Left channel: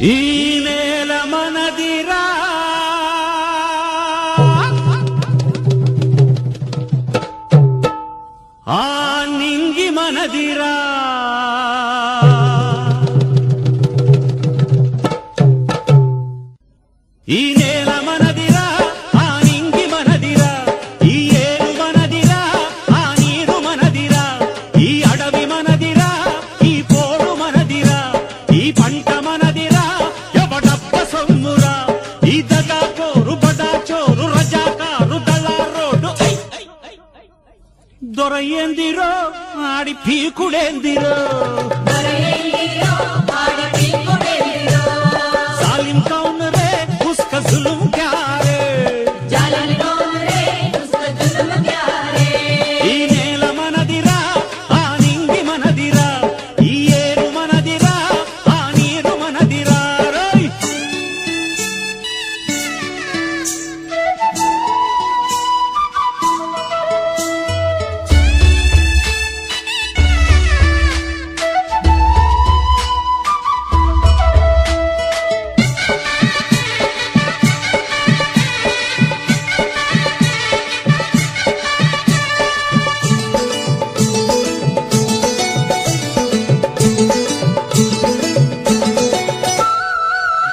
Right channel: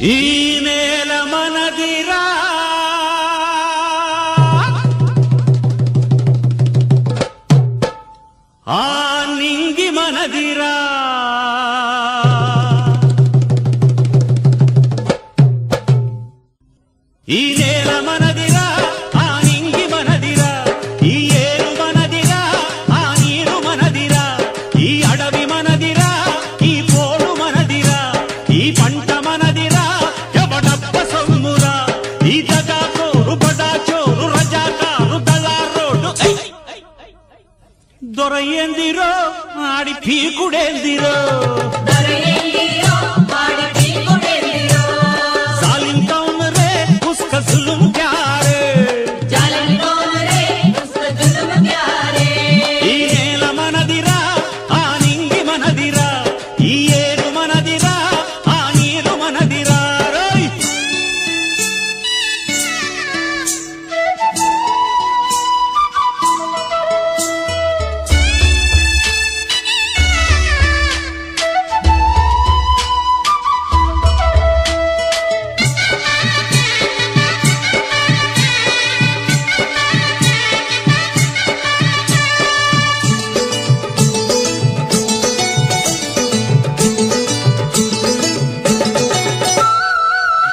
ఈ నేల మనదిరా ఆ నింగి మనదిరా ఈ నేల మనదిరా ఆ నింగి మనదిరా ఈ ఏరు మనదిరా ఆ నీరు మనదిరా ఈ అడవి మనదిరా ఈ పోడు మనదిరా ఈ పంట మనదిరా ఎవడబ్బ సొమ్మురా ఈ దగా కోరు బడా చోరు రజాకారు దళారోడు దొరయ్యందిరో ఆడి పీకుడేందిరో जालिम कौन रे उसका जुल्म क्या रे जालिम कौन रे उसका जुल्म क्या रे ఈ నేల మనదిరా ఆ నింగి మనదిరా ఈ ఏరు మనదిరా ఆ నీరు మనదిరా రోయ్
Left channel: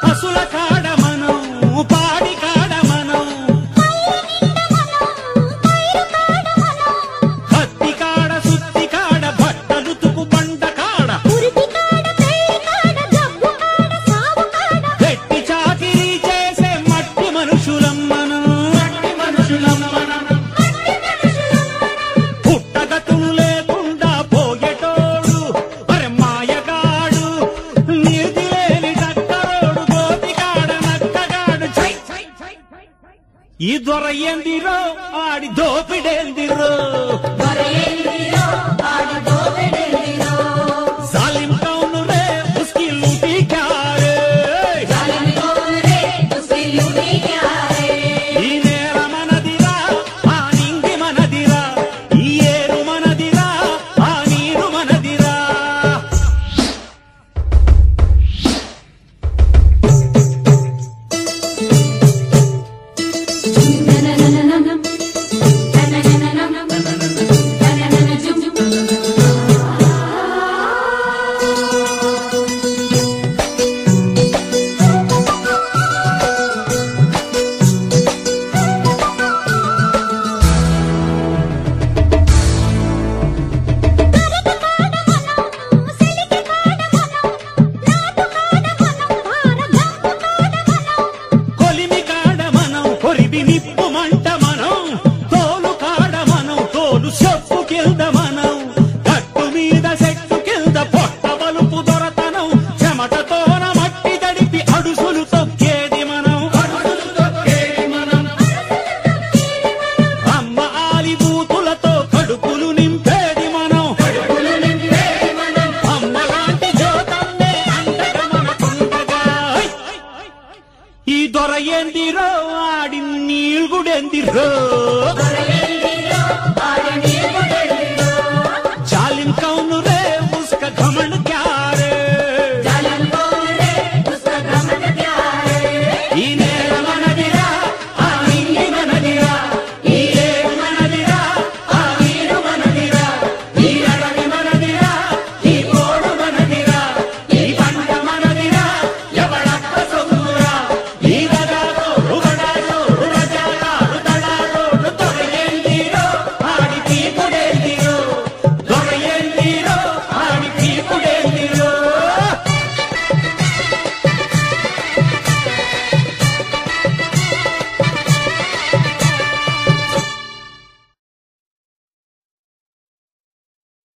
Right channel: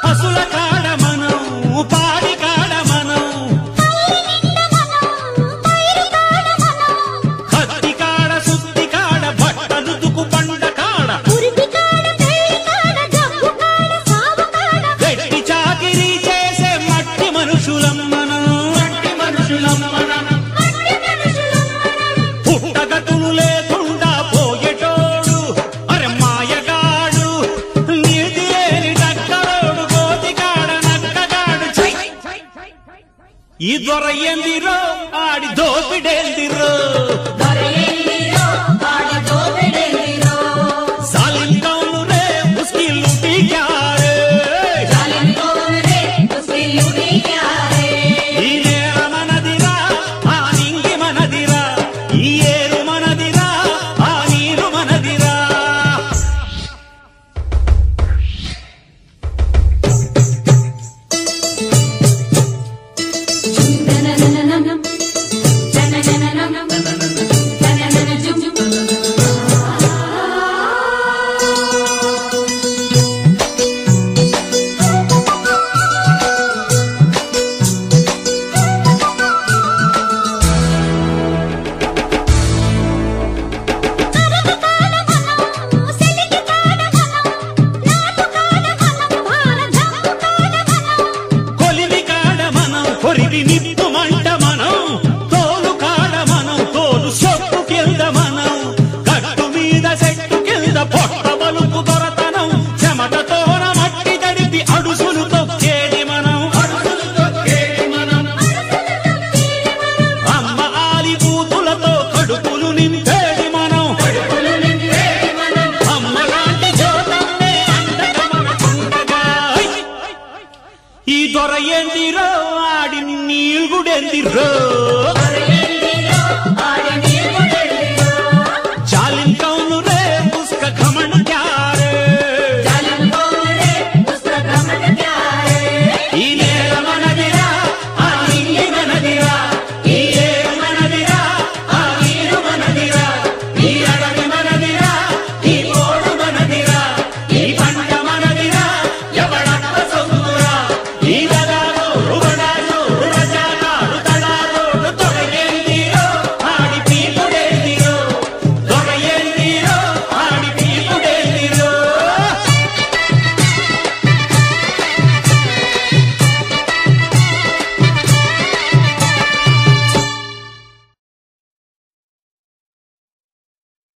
పసుల కాడ మనం పాడి కాడ మనం కత్తి కాడ సుత్తి కాడ బట్టలు తుకు బండ కాడ గట్టి చాకిరీ చేసే మట్టి మనుషులం మనం పుట్టగతులు లేకుండా పోయేటోడు అరే మాయగాడు నీతి లేని దక్కరోడు గోతికాడ నక్కగాడు ఈ దొరయ్యందిరో ఆడి దోపిడేందిరో जालिम कौन रे उसकी लूटी क्या रे ఈ నేల మనదిరా ఆ నింగి మనదిరా ఈ ఏరు మనదిరా ఆ నీరు మనదిరా కొలిమి కాడ మనం కొరివి నిప్పు మంట మనం తోలు కాడ మనం తోలు చెప్పు కింద మనం గట్టు మీద చెట్టు కింద పొట్ట బలుపు దొరతనం చెమటతోన మట్టి తడిపి అడుసులు తొక్కేది మనం అమ్మ ఆలిబూతులతో కడుపులు నింపేది మనం అమ్మ లాంటి జోతన్నే అండగా మనకుండగా ఈ దొరయ్యందిరో ఆడి నీళ్ళుడెందిరో